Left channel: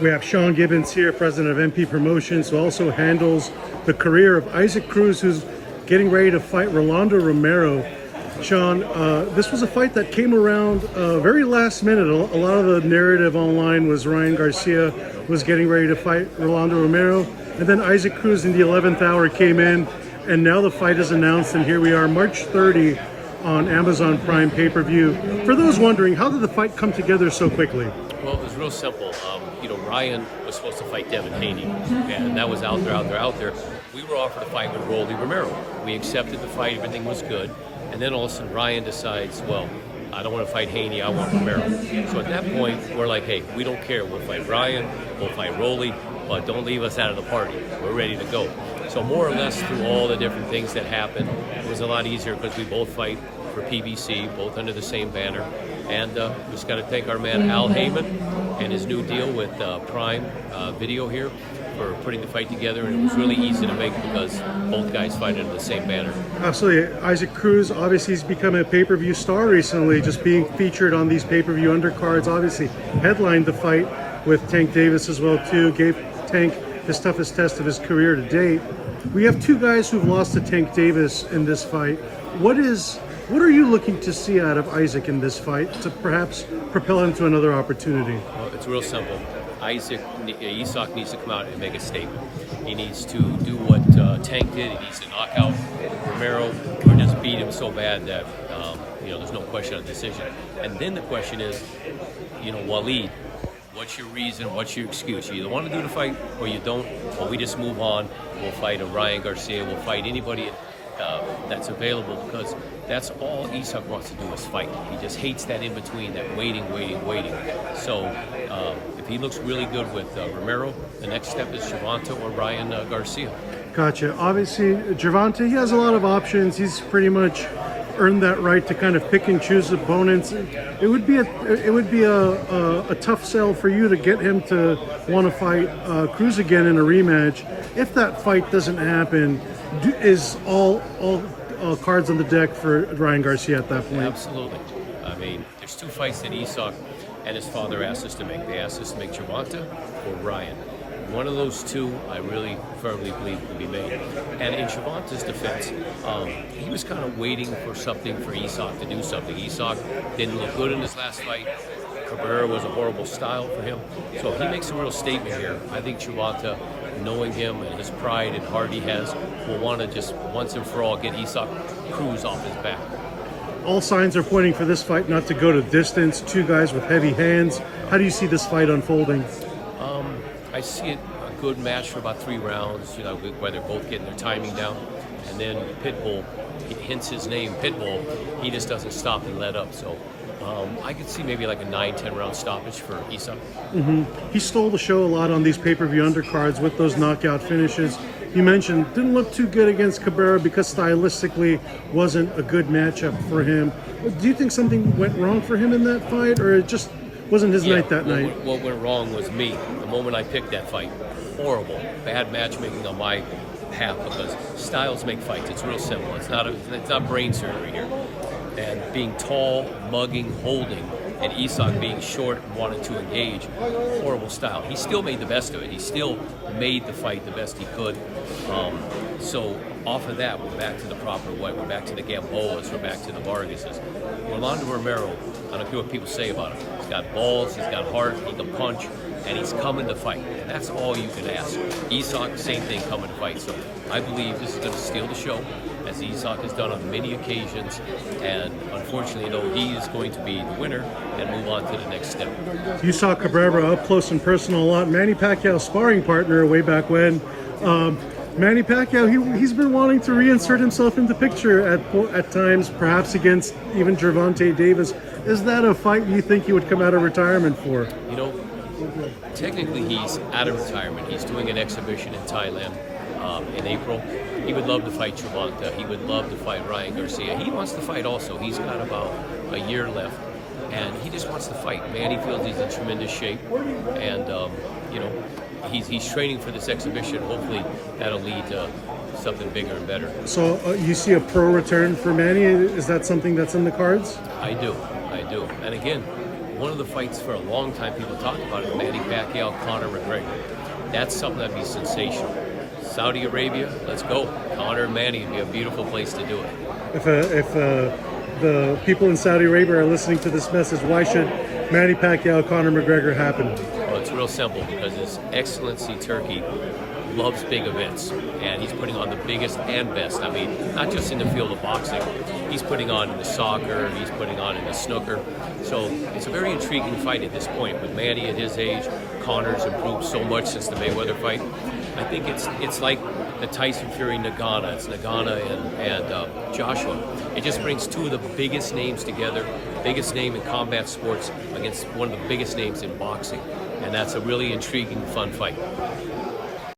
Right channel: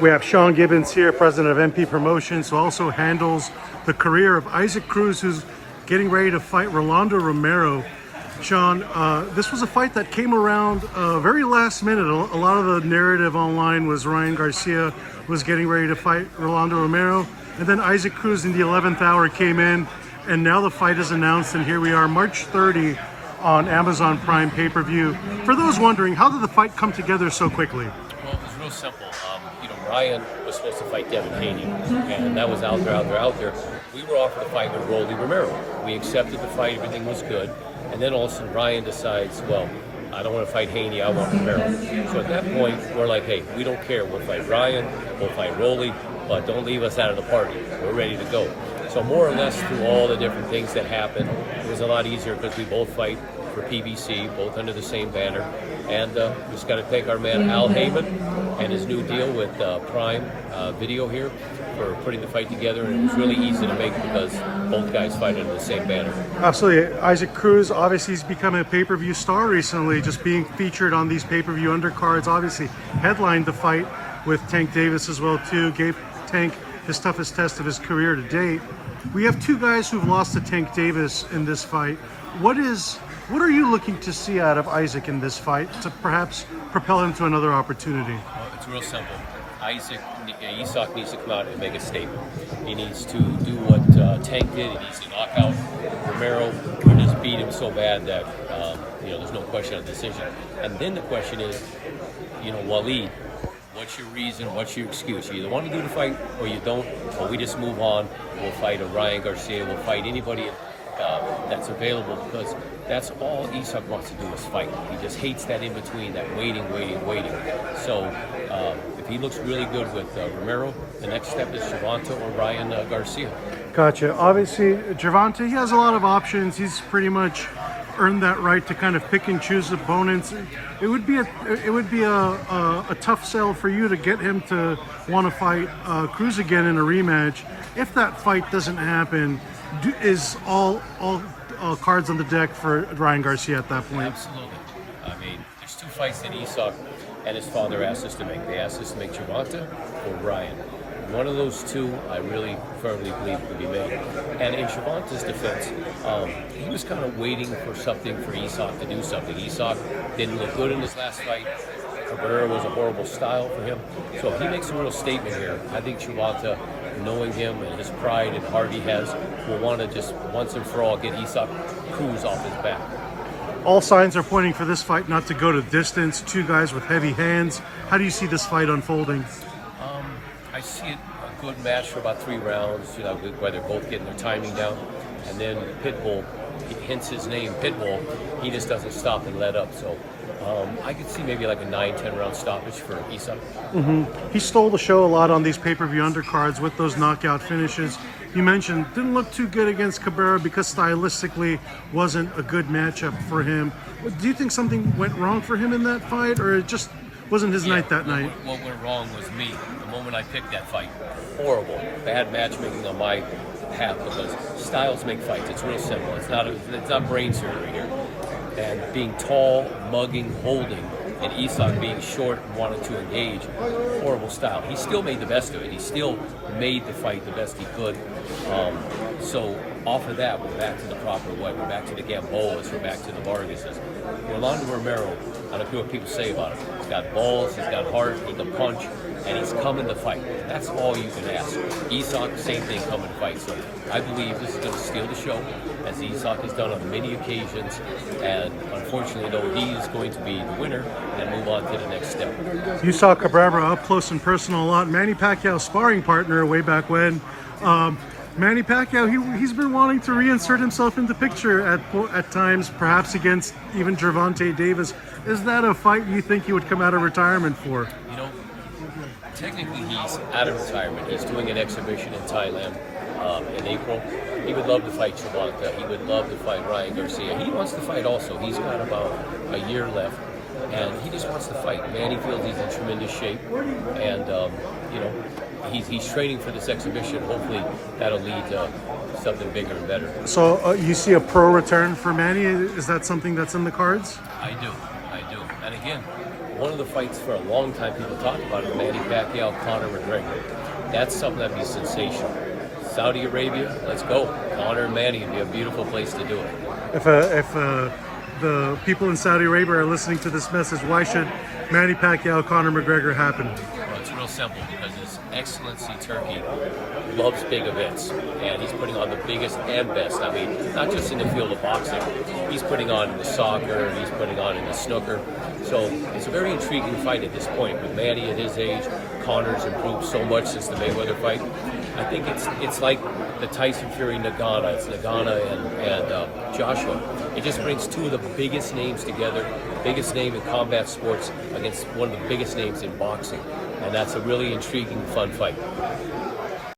We have Sean Gibbons here, president of MP Promotions, who also handles the career of Isaac Cruz, who's getting ready to fight Rolando Romero. Sean, this was a fight that came around very last minute. A lot of the narrative online was Ryan Garcia was getting ready to fight Rolando Romero, and then Isaac Cruz in the 11th hour came in, and now the fight is announced, and here we are, March 30 on Amazon Prime pay-per-view. For those wondering, how did the fight come together so quickly? Well, it was real simple. Ryan was supposed to fight Devin Haney, and that was out there. We were offered a fight with Rolly Romero. We accepted the fight, everything was good, and then all of a sudden Ryan decides, well, I don't want to fight Haney, I want Romero. So at that point, we're like, hey, we don't care. We'll fight Ryan, we'll fight Rolly, but don't leave us out of the party. We're ready to go. So more or less through all the different things that happened, it was a lot easier because we both fight for PBC, both under the same banner. And we just got to thank our man Al Heyman and his new deal with Prime Video here for putting the fight together. And it was really easy to make because both guys fight under the same banner. Absolutely. Isaac Cruz, obviously he's become a pay-per-view star recently, just being featured on these pay-per-view undercards. Obviously headlined the fight with Tank Davis as well too. Gave Tank his toughest test of his career to date. We have two guys who've lost to Tank Davis in this fight. What are you looking to see out of Isaac in this fight to perhaps propel him to another opportunity? Well, it's real simple. Isak needs to come out and make a statement. He needs to do what Tank did. He needs to knock out Romero or just beat him so bad that there's no question of decision. And then the question is, Waleed, what's your reason? What's your excuse? You either want to do the fight or you don't, or we just move on. We'll fight a Ryan Garcia. We'll fight anybody that's available, because that's all Isak wants to do is fight. He just hates that in between, that waiting. So if he looks really good with Romero, the next step is Gervonta or Ryan Garcia. Gotcha. Obviously, Gervonta, he has a lot of options. He's pretty much earned that right to kind of pick and choose opponents. It would be a tough sell for you to get him to want to fight Cruz again in a rematch. If that fight doesn't happen, is all cards on the deck for Ryan Garcia at that point? Absolutely. I mean, there's two fights that Isak and his father asked us to make. They asked us to make Gervonta or Ryan. One of those two, I really firmly believe can be made. And in Gervonta's defense, he was kind of waiting for something for Isak to do something. Isak didn't look good in his last fight. Cabrera was a horrible style for him. So if he makes a real statement here, I think Gervonta, knowing him and his pride and heart he has, will want to just once and for all get Isaac Cruz off his back. All signs are pointing for this fight not to go to distance. Two guys with heavy hands. How do you see this fight unfolding? I see it a good match for about 3 rounds, where they're both getting their timing down. And then Pitbull, hence his name, Pitbull, he just doesn't stop and let up. So I could see maybe like a 9-10 round stoppage for Isak. He stole the show a lot on these pay-per-view undercards with those knockout finishes. You mentioned didn't look too good against Cabrera because stylistically wasn't a good matchup for him. Do you think something went wrong for him in that fight, or it just wasn't his night that night? What went wrong was me. The moment I picked that fight, horrible, bad matchmaking on my behalf, because styles make fights. It's real simple. It's not brain surgery here. And being tall, mugging, holding, and Isak being short and wanting to engage, horrible style. He still made the best of it. He still made the fight the best he could. So off of that, we're back to the proper way. We're back to the Gamboas. We're back to the Vargases. Rolando Romero, I don't care what people say about him. He's got balls, he's got heart, he can punch, and he's coming to fight. That's all you can ask. Isak, same thing, coming to fight. So I believe this is going to steal the show, as Isak has done on many occasions. And unfortunately, though, he is going to be the winner and move on to the next step. You saw Cabrera up close and personal a lot. Manny Pacquiao, sparring partner way back when. Manny Pacquiao, he's been wanting to reinsert himself in the picture at times, perhaps against even Gervonta Davis. Is that a fight you think he would come out of retirement for? Technically he's out of retirement. He's doing an exhibition in Thailand in April. He would love to fight Gervonta. He would love to fight Ryan Garcia. He wants to fight also. He's got about a year left, and he just wants to fight. Manny feels he's in tremendous shape, and he's training for this exhibition. Hopefully that'll lead to something bigger and better. So you see a pro return for Manny? Is that something that's in the cards? I do. And again, one of the fights for a long time people talked about is Manny Pacquiao, Conor McGregor. That's something that'd be sensational. Saudi Arabia, let's go. Conor and Manny would be a beautiful place to do it. If the people in Saudi Arabia are listening to this message, why should Manny Pacquiao, Conor McGregor happen? Well, it's real simple because His Excellency Turkey loves big events, and he's putting on the biggest and best. I mean, not just in the field of boxing. He's putting on in the soccer, he's putting on in the snooker. So it's a very intriguing fight at this point. With Manny at his age, Conor's improved so much since the Mayweather fight. I think it's like the Tyson Fury Nagana. It's Nagana and Joshua. It just brings two of the biggest names together, biggest name in combat sports against one of the biggest names in boxing. And that's a really intriguing, fun fight.